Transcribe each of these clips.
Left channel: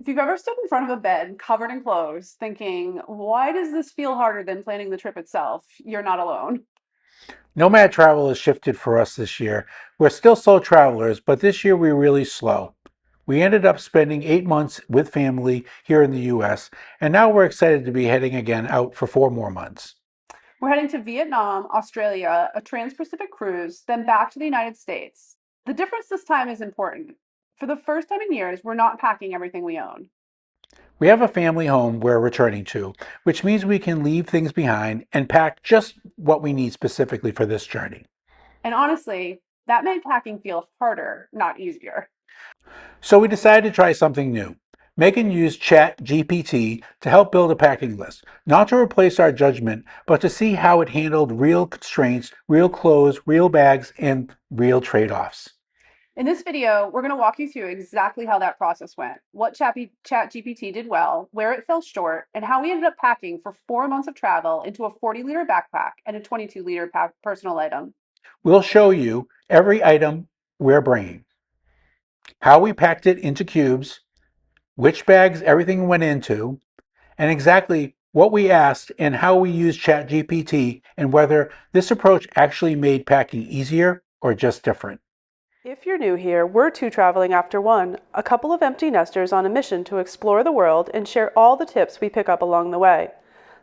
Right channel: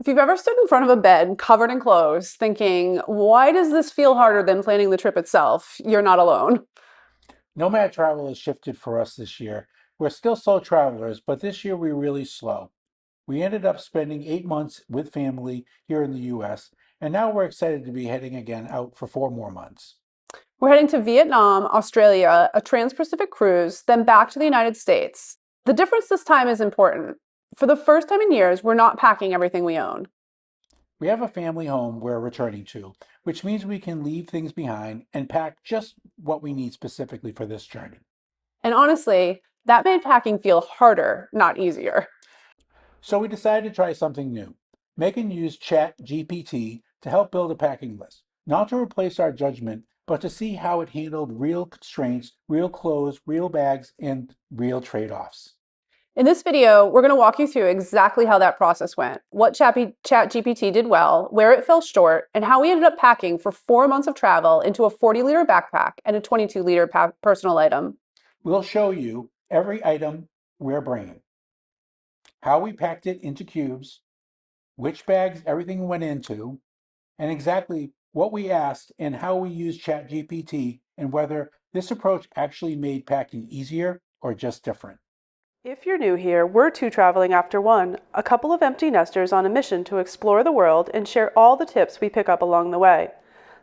If you've ever stood in front of a bed covered in clothes thinking, why does this feel harder than planning the trip itself? You're not alone. Nomad travel has shifted for us this year. We're still slow travelers, but this year we're really slow. We ended up spending 8 months with family here in the US, and now we're excited to be heading again out for 4 more months. We're heading to Vietnam, Australia, a trans-Pacific cruise, then back to the United States. The difference this time is important. For the first time in years, we're not packing everything we own. We have a family home we're returning to, which means we can leave things behind and pack just what we need specifically for this journey. And honestly, that made packing feel harder, not easier. So we decided to try something new. Megan used ChatGPT to help build a packing list, not to replace our judgment, but to see how it handled real constraints, real clothes, real bags, and real trade offs. In this video, we're going to walk you through exactly how that process went, what ChatGPT did well, where it fell short, and how we ended up packing for 4 months of travel into a 40-liter backpack and a 22-liter personal item. We'll show you every item we're bringing, how we packed it into cubes, which bags everything went into, and exactly what we asked and how we used ChatGPT and whether this approach actually made packing easier or just different. If you're new here, we're two traveling after one, a couple of empty nesters on a mission to explore the world and share all the tips we pick up along the way.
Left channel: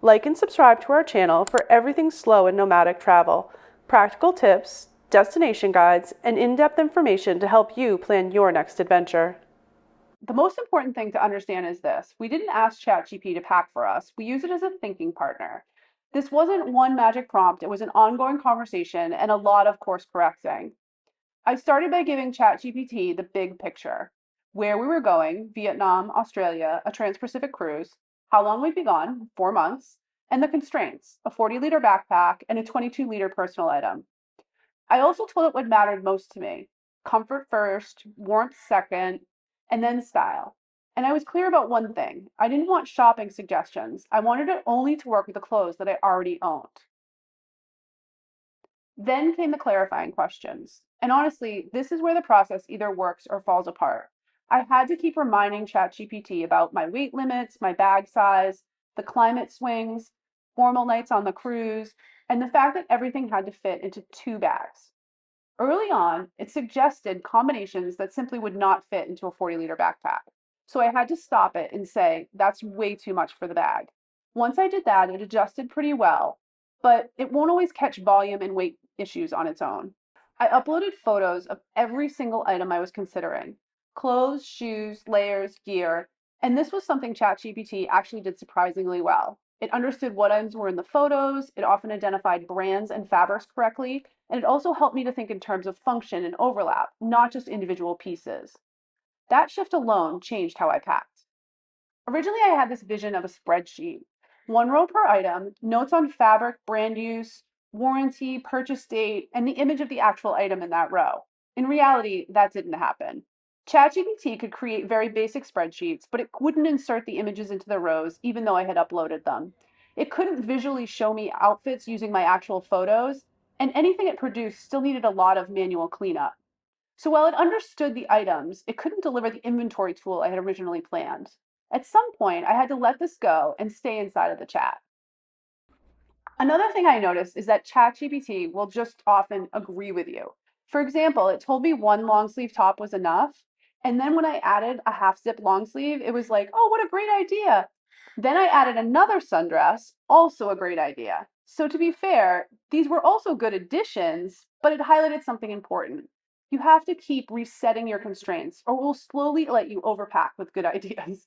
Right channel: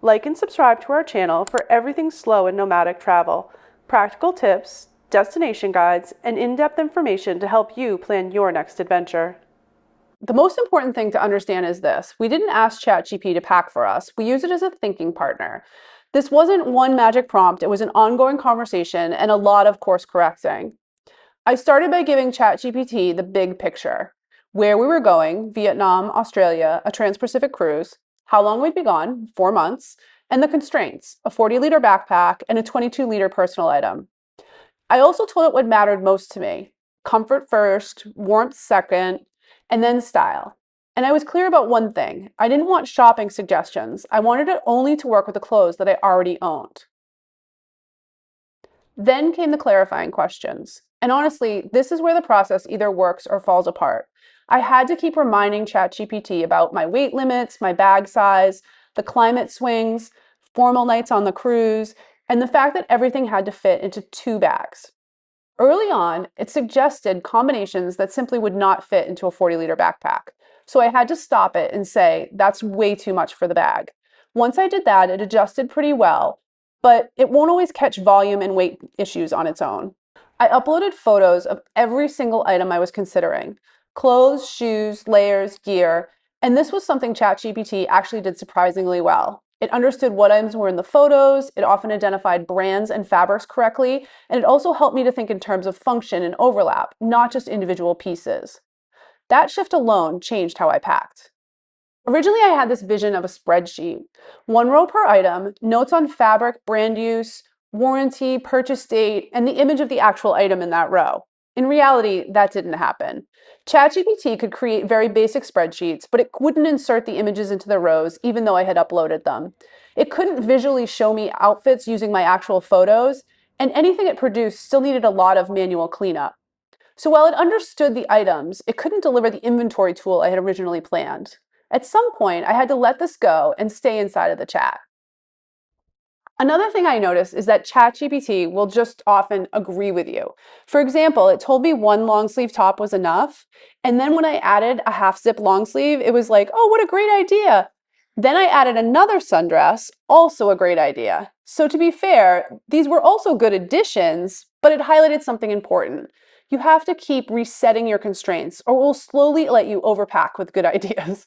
Like and subscribe to our channel for everything slow and nomadic travel, practical tips, destination guides, and in-depth information to help you plan your next adventure. The most important thing to understand is this. We didn't ask ChatGPT to pack for us. We use it as a thinking partner. This wasn't one magic prompt. It was an ongoing conversation and a lot of course correcting. I started by giving ChatGPT the big picture, where we were going, Vietnam, Australia, a trans-Pacific cruise, how long we'd be gone, 4 months, and the constraints, a 40-liter backpack and a 22-liter personal item. I also told it what mattered most to me, comfort first, warmth second, and then style. And I was clear about one thing. I didn't want shopping suggestions. I wanted it only to work with the clothes that I already owned. Then came the clarifying questions. And honestly, this is where the process either works or falls apart. I had to keep reminding ChatGPT about my weight limits, my bag size, the climate swings, formal nights on the cruise, and the fact that everything had to fit into 2 bags. Early on, it suggested combinations that simply would not fit into a 40-liter backpack. So I had to stop it and say, that's way too much for the bag. Once I did that, it adjusted pretty well, but it won't always catch volume and weight issues on its own. I uploaded photos of every single item I was considering: clothes, shoes, layers, gear, and this was something ChatGPT actually did surprisingly well. It understood what items were in the photos, it often identified brands and fabrics correctly, and it also helped me to think in terms of function and overlap, not just individual pieces. That shift alone changed how I packed. Originally, I had this vision of a spreadsheet, 1 row per item, notes on fabric, brand use, warranty, purchase date, and the image of the actual item in that row. In reality, that didn't happen. ChatGPT could create very basic spreadsheets, but it wouldn't insert the images into the rows, even though I had uploaded them. It couldn't visually show me outfits using my actual photos, and anything it produced still needed a lot of manual cleanup. So while it understood the items, it couldn't deliver the inventory tool I had originally planned. At some point, I had to let this go and stay inside of the chat. Another thing I noticed is that ChatGPT will just often agree with you. For example, it told me one long sleeve top was enough, and then when I added a half zip long sleeve, it was like, oh, what a great idea. Then I added another sundress, also a great idea. So to be fair, these were also good additions, but it highlighted something important. You have to keep resetting your constraints, or it will slowly let you overpack with good ideas.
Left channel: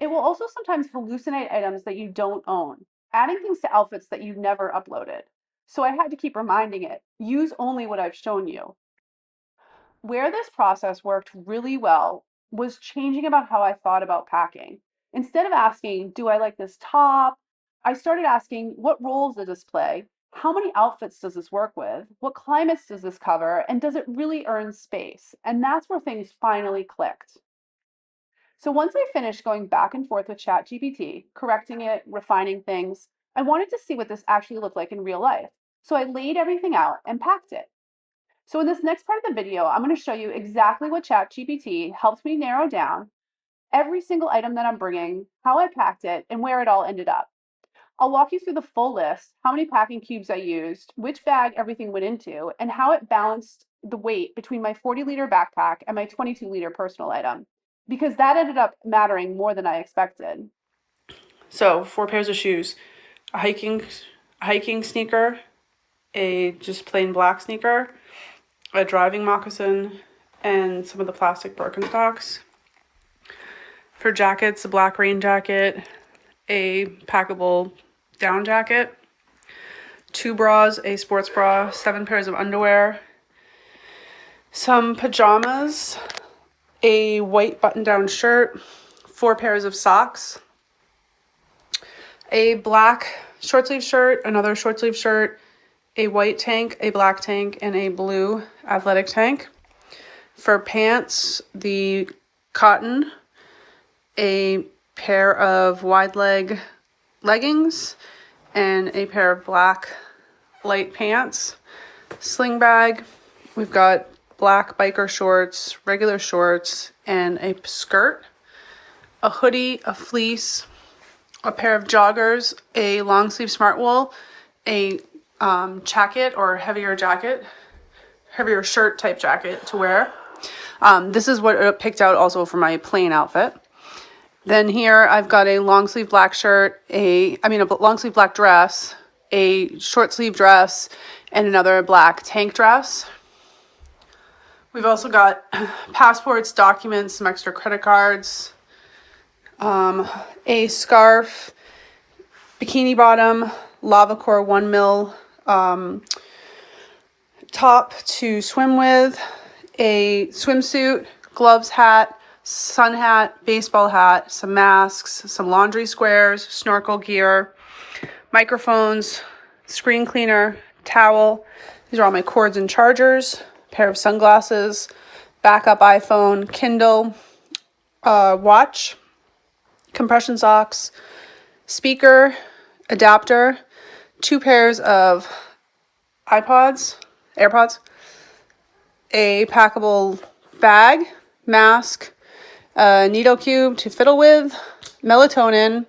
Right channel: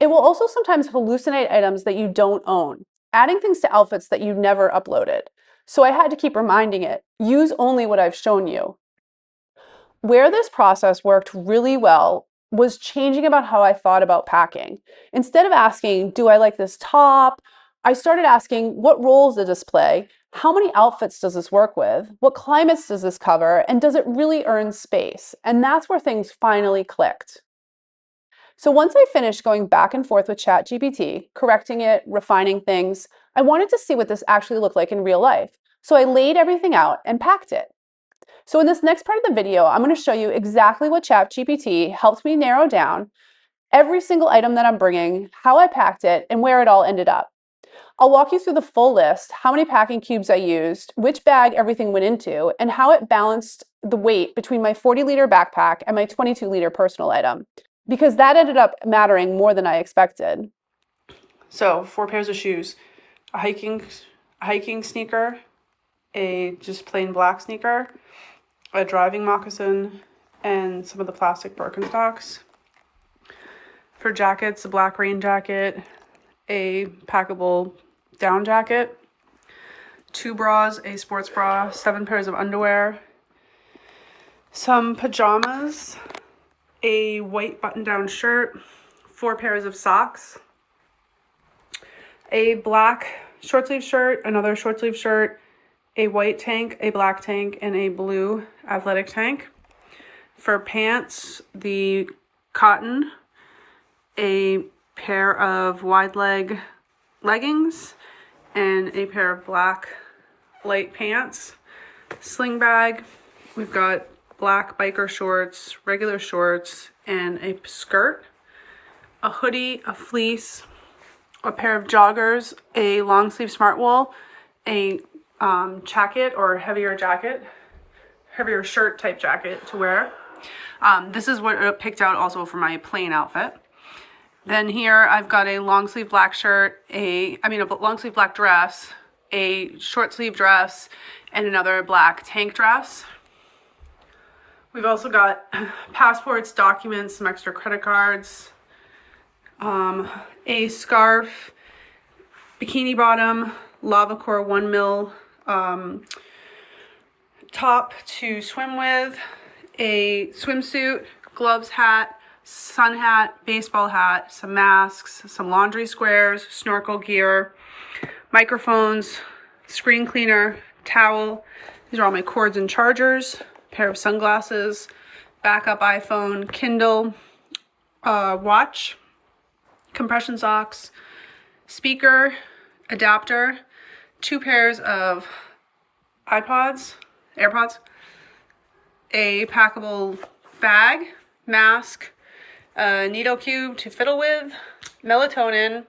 It will also sometimes hallucinate items that you don't own, adding things to outfits that you never uploaded. So I had to keep reminding it, use only what I've shown you. Where this process worked really well was changing about how I thought about packing. Instead of asking, do I like this top? I started asking, what roles does this play? How many outfits does this work with? What climates does this cover? And does it really earn space? And that's where things finally clicked. So once I finished going back and forth with ChatGPT, correcting it, refining things, I wanted to see what this actually looked like in real life. So I laid everything out and packed it. So in this next part of the video, I'm going to show you exactly what ChatGPT helped me narrow down every single item that I'm bringing, how I packed it, and where it all ended up. I'll walk you through the full list, how many packing cubes I used, which bag everything went into, and how it balanced the weight between my 40-liter backpack and my 22-liter personal item, because that ended up mattering more than I expected. So 4 pairs of shoes, a hiking sneaker, a just plain black sneaker, a driving moccasin, and some of the plastic Birkenstocks. For jackets, a black rain jacket, a packable down jacket, 2 bras, a sports bra, 7 pairs of underwear, some pajamas, a white button-down shirt, 4 pairs of socks, a black short sleeve shirt, another short sleeve shirt, a white tank, a black tank, and a blue athletic tank. For pants, the cotton, a pair of wide leg leggings, and a pair of black light pants. Sling bag, we've got black biker shorts, regular shorts, and a skirt. A hoodie, a fleece, a pair of joggers, a long sleeve smart wool, a jacket or heavier shirt type jacket to wear. This is what I picked out also for my plain outfit. Then here I've got a long sleeve black shirt, a long sleeve black dress, a short sleeve dress, and another black tank dress. We've also got passports, documents, some extra credit cards, a scarf, bikini bottom, lava core 1 mil top to swim with, a swimsuit, gloves, hat, sun hat, baseball hat, some masks, some laundry squares, snorkel gear, microphones, screen cleaner, towel. These are all my cords and chargers, pair of sunglasses, backup iPhone, Kindle, watch, compression socks, speaker, adapter, 2 pairs of AirPods, a packable bag, mask, a needle cube to fiddle with, melatonin,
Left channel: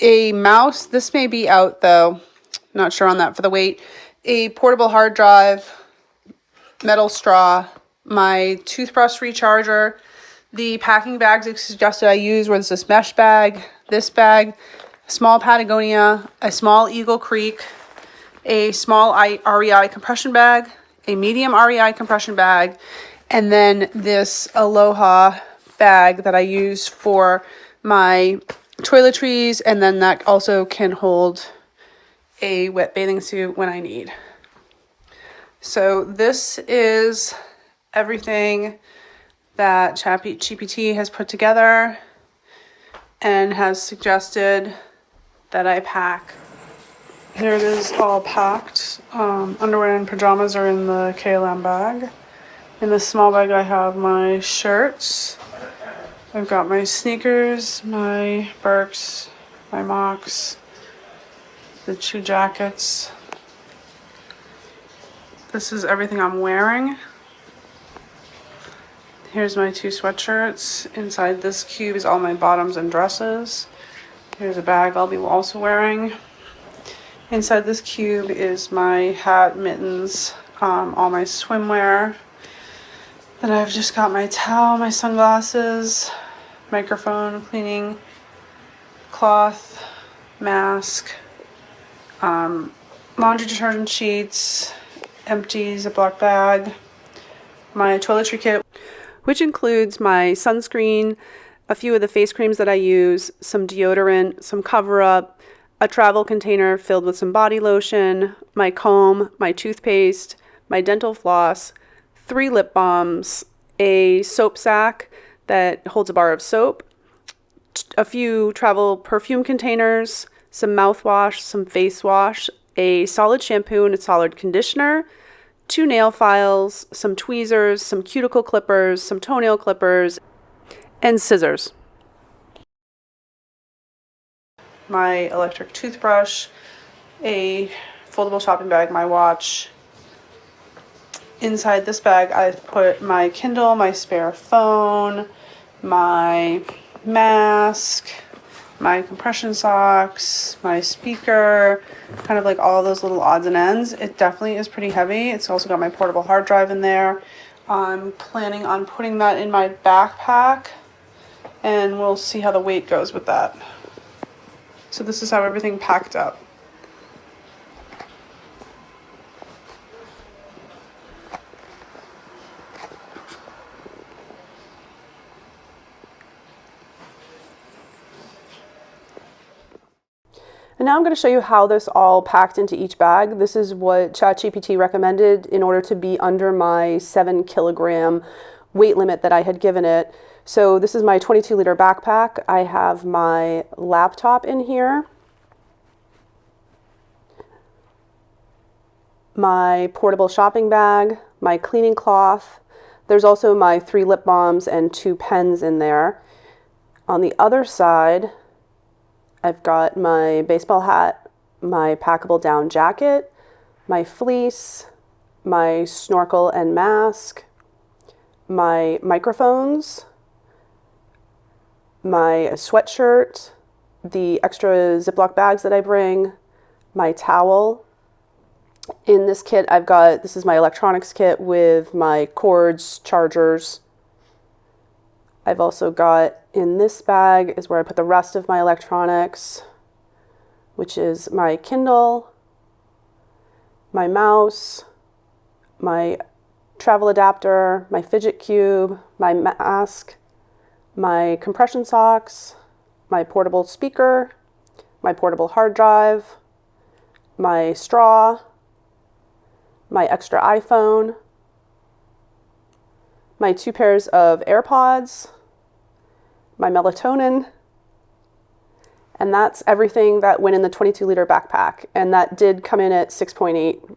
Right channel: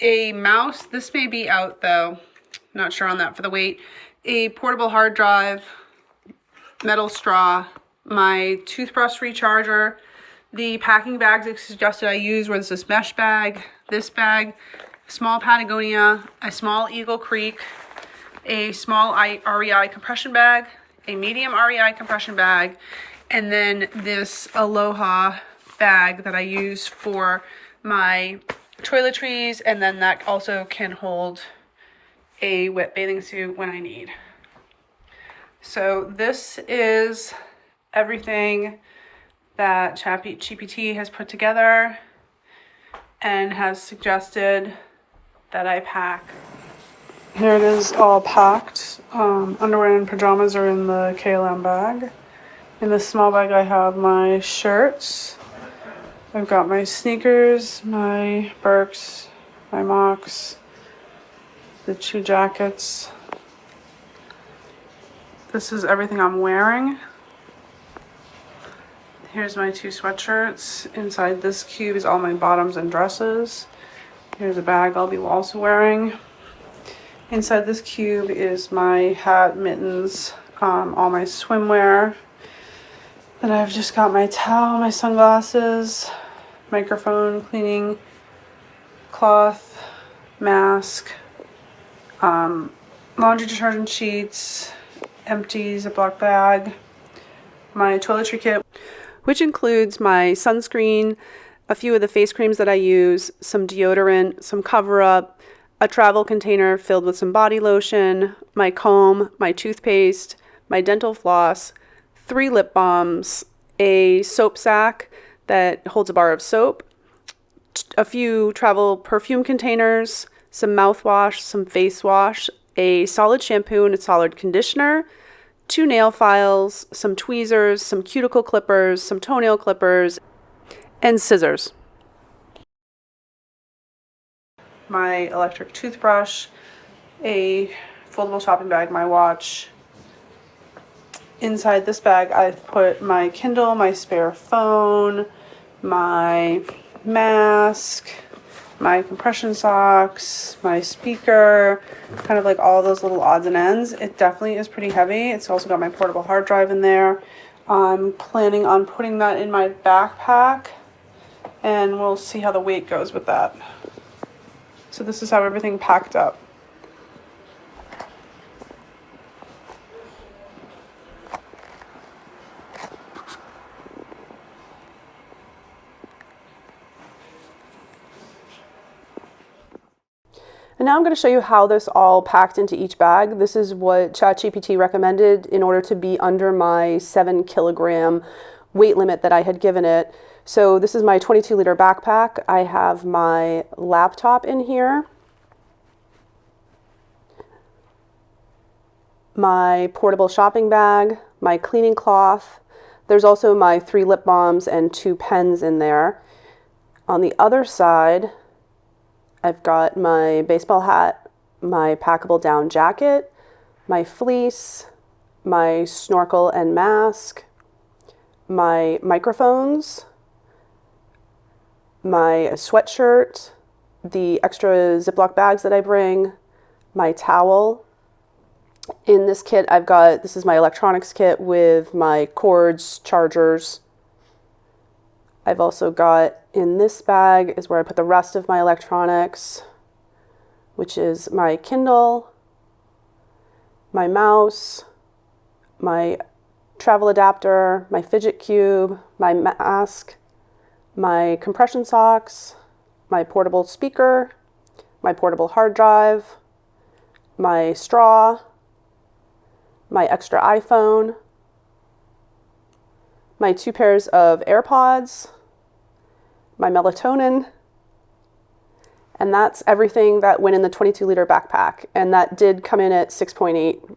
a mouse. This may be out though, not sure on that for the weight. A portable hard drive, metal straw, my toothbrush recharger, the packing bags I suggested I use was this mesh bag, this bag, a small Patagonia, a small Eagle Creek, a small REI compression bag, a medium REI compression bag, and then this Aloha bag that I use for my toiletries, and then that also can hold a wet bathing suit when I need. So this is everything that ChatGPT has put together and has suggested that I pack. Here it is all packed. Underwear and pajamas are in the KLM bag. In the small bag I have my shirts. I've got my sneakers, my Birks, my mocks, the 2 jackets. This is everything I'm wearing. Here's my 2 sweatshirts. Inside this cube is all my bottoms and dresses. Here's a bag I'll be also wearing. Inside this cube is my hat, mittens, all my swimwear. Then I've just got my towel, my sunglasses, microphone, cleaning cloth, mask, laundry detergent sheets, empties, a black bag, my toiletry kit, which includes my sunscreen, a few of the face creams that I use, some deodorant, some cover-up, a travel container filled with some body lotion, my comb, my toothpaste, my dental floss, 3 lip balms, a soap sack that holds a bar of soap, a few travel perfume containers, some mouthwash, some face wash, a solid shampoo and a solid conditioner, 2 nail files, some tweezers, some cuticle clippers, some toenail clippers, and scissors. My electric toothbrush, a foldable shopping bag, my watch. Inside this bag I've put my Kindle, my spare phone, my mask, my compression socks, my speaker, kind of like all those little odds and ends. It definitely is pretty heavy. It's also got my portable hard drive in there. I'm planning on putting that in my backpack, and we'll see how the weight goes with that. So this is how everything packed up. And now I'm going to show you how this all packed into each bag. This is what ChatGPT recommended in order to be under my 7 kilogram weight limit that I had given it. So this is my 22-liter backpack. I have my laptop in here, my portable shopping bag, my cleaning cloth. There's also my 3 lip balms and 2 pens in there. On the other side, I've got my baseball hat, my packable down jacket, my fleece, my snorkel and mask, my microphones, my sweatshirt, the extra Ziploc bags that I bring, my towel. In this kit, this is my electronics kit with my cords, chargers. I've also got, in this bag is where I put the rest of my electronics, which is my Kindle, my mouse, my travel adapter, my fidget cube, my mask, my compression socks, my portable speaker, my portable hard drive, my straw, my extra iPhone, my 2 pairs of AirPods, my melatonin, and that's everything that went in the 22-liter backpack, and that did come in at 6.8.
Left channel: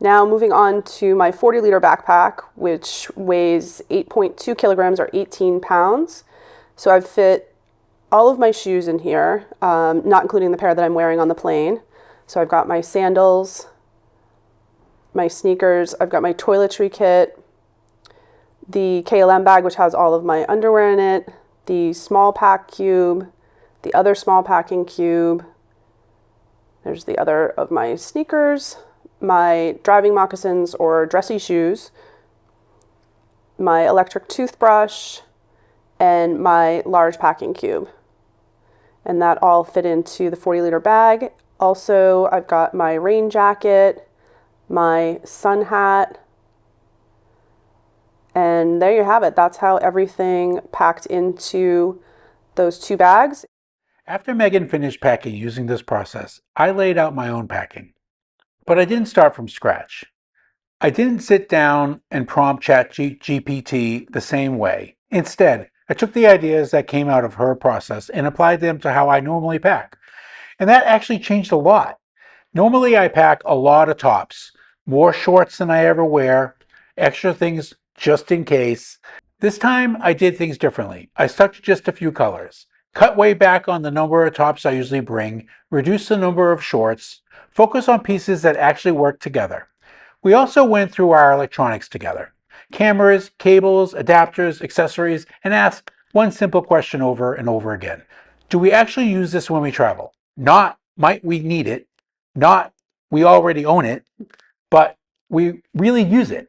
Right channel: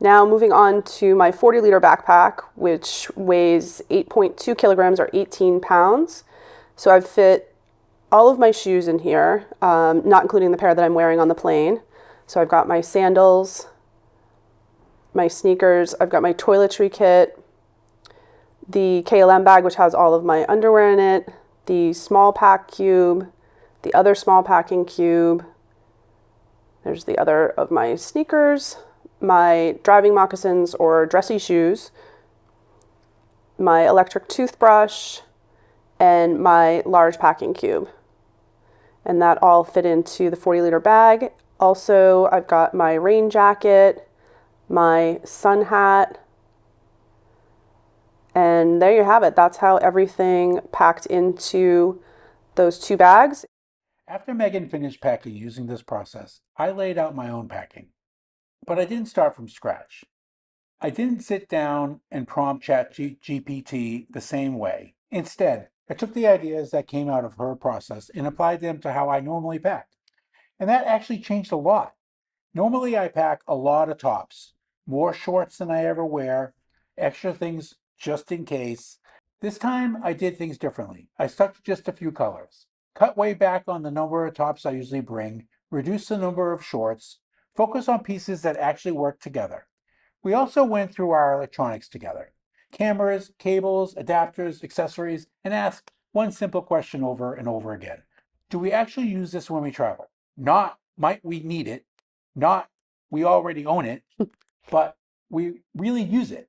Now moving on to my 40-liter backpack, which weighs 8.2 kilograms or 18 pounds. So I've fit all of my shoes in here, not including the pair that I'm wearing on the plane. So I've got my sandals, my sneakers, I've got my toiletry kit, the KLM bag, which has all of my underwear in it, the small pack cube, the other small packing cube. There's the other of my sneakers, my driving moccasins or dressy shoes, my electric toothbrush, and my large packing cube. And that all fit into the 40-liter bag. Also, I've got my rain jacket, my sun hat, and there you have it. That's how everything packed into those 2 bags. After Megan finished packing using this process, I laid out my own packing. But I didn't start from scratch. I didn't sit down and prompt ChatGPT the same way. Instead, I took the ideas that came out of her process and applied them to how I normally pack. And that actually changed a lot. Normally I pack a lot of tops, more shorts than I ever wear, extra things just in case. This time I did things differently. I stuck to just a few colors, cut way back on the number of tops I usually bring, reduced the number of shorts, focus on pieces that actually work together. We also went through our electronics together. Cameras, cables, adapters, accessories, and asked one simple question over and over again. Do we actually use this when we travel? Not, might we need it? Not, we already own it, but we really use it.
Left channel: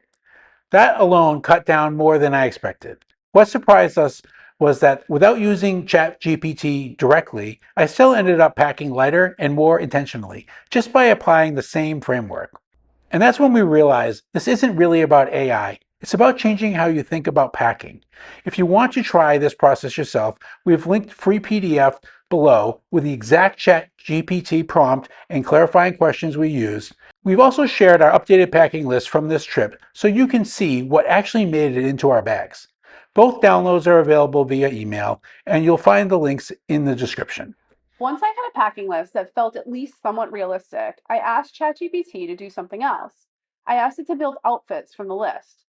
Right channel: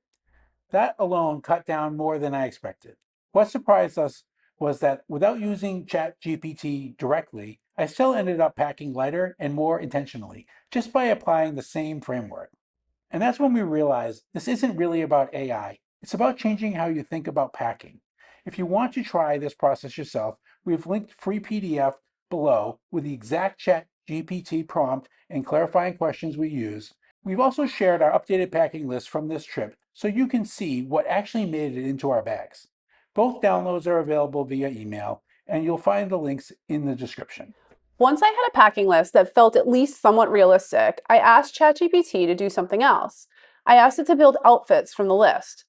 That alone cut down more than I expected. What surprised us was that without using ChatGPT directly, I still ended up packing lighter and more intentionally, just by applying the same framework. And that's when we realized this isn't really about AI. It's about changing how you think about packing. If you want to try this process yourself, we've linked free PDF below with the exact ChatGPT prompt and clarifying questions we use. We've also shared our updated packing list from this trip so you can see what actually made it into our bags. Both downloads are available via email, and you'll find the links in the description. Once I had a packing list that felt at least somewhat realistic, I asked ChatGPT to do something else. I asked it to build outfits from the list.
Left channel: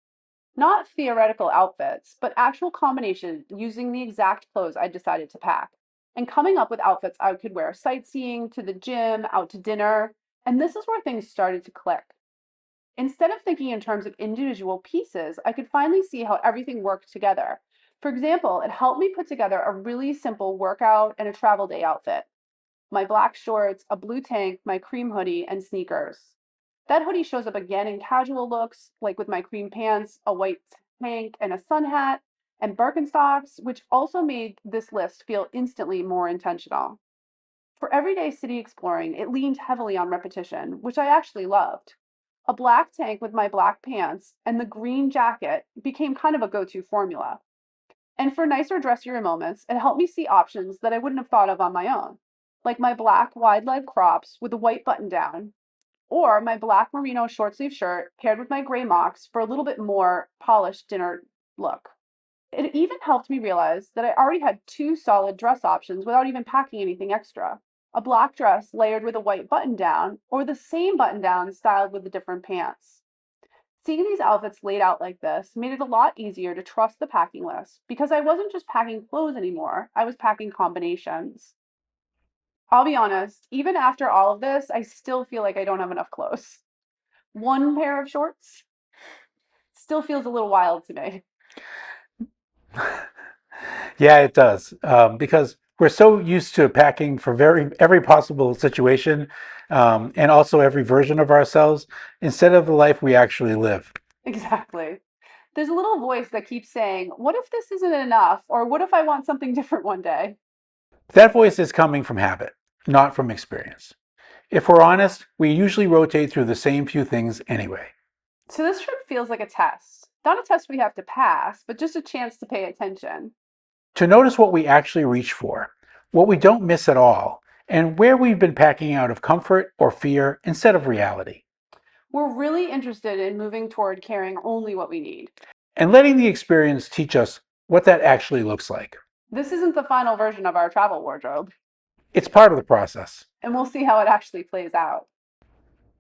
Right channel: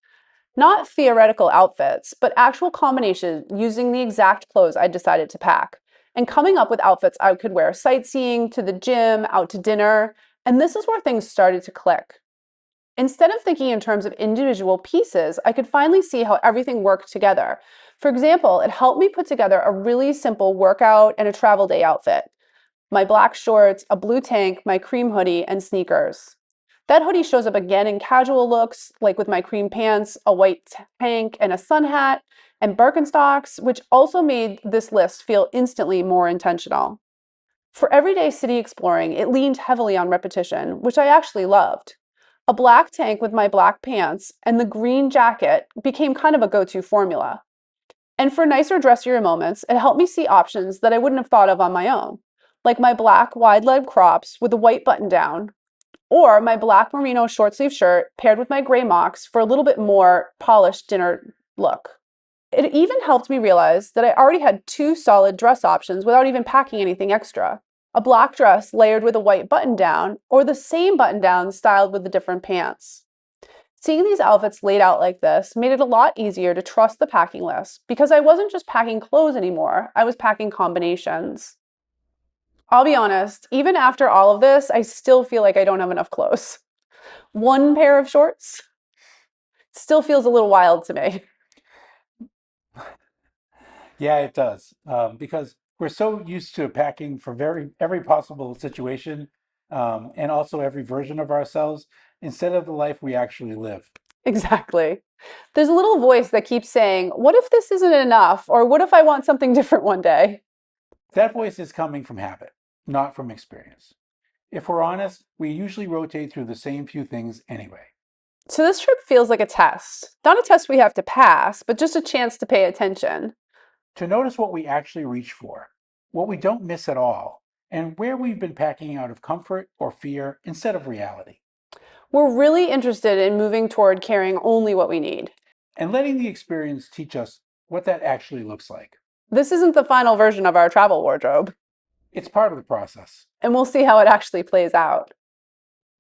Not theoretical outfits, but actual combinations using the exact clothes I decided to pack, and coming up with outfits I could wear sightseeing, to the gym, out to dinner, and this is where things started to click. Instead of thinking in terms of individual pieces, I could finally see how everything worked together. For example, it helped me put together a really simple workout and a travel day outfit. My black shorts, a blue tank, my cream hoodie, and sneakers. That hoodie shows up again in casual looks, like with my cream pants, a white tank, and a sun hat, and Birkenstocks, which also made this list feel instantly more intentional. For everyday city exploring, it leaned heavily on repetition, which I actually loved. A black tank with my black pants and the green jacket became kind of a go-to formula. And for nicer, dressier moments, it helped me see options that I wouldn't have thought of on my own, like my black wide leg crops with a white button down, or my black merino short sleeve shirt paired with my gray mocks for a little bit more polished dinner look. It even helped me realize that I already had two solid dress options without even packing anything extra. A black dress layered with a white button down, or the same button down styled with the different pants. Seeing these outfits laid out like this made it a lot easier to trust the packing list because I wasn't just packing clothes anymore, I was packing combinations. I'll be honest, even after all of this, I still feel like I don't have enough clothes. One pair of shorts still feels a little wild to me. Yeah, it does. Because we're so used to packing for every possible situation, and also every version of ourselves instead of the life we actually live. Exactly. There's a little voice that keeps saying, what if this isn't enough? Or what if I want something different one day? That voice is coming from habit, not from experience. If we're honest, we usually rotate through the same few things anyway. So this trip feels like a test. Not a test we have to pass, but just a chance to pay attention. To notice what we actually reach for, what we don't miss at all, and where we've been packing out of comfort or fear instead of reality. We're really interested in moving toward carrying only what we need. And letting the experience teach us what that actually looks like. This isn't the final version of our travel wardrobe, It's part of the process. and we'll see how it actually plays out.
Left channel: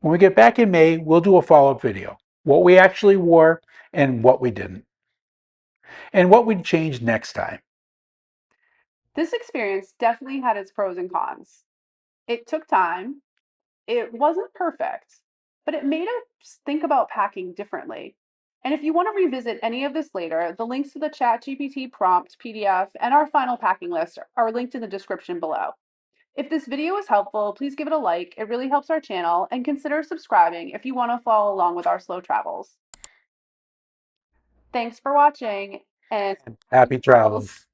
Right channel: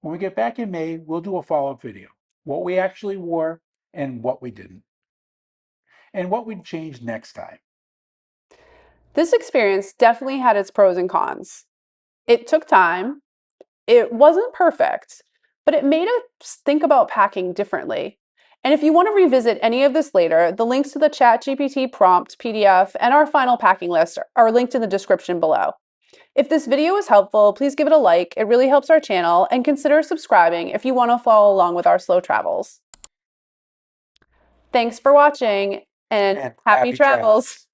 When we get back in May, we'll do a follow-up video. What we actually wore and what we didn't. And what we'd change next time. This experience definitely had its pros and cons. It took time. It wasn't perfect, but it made us think about packing differently. And if you want to revisit any of this later, the links to the ChatGPT prompt, PDF, and our final packing list are linked in the description below. If this video was helpful, please give it a like. It really helps our channel, and consider subscribing if you want to follow along with our slow travels. Thanks for watching, and And happy happy travels. travels.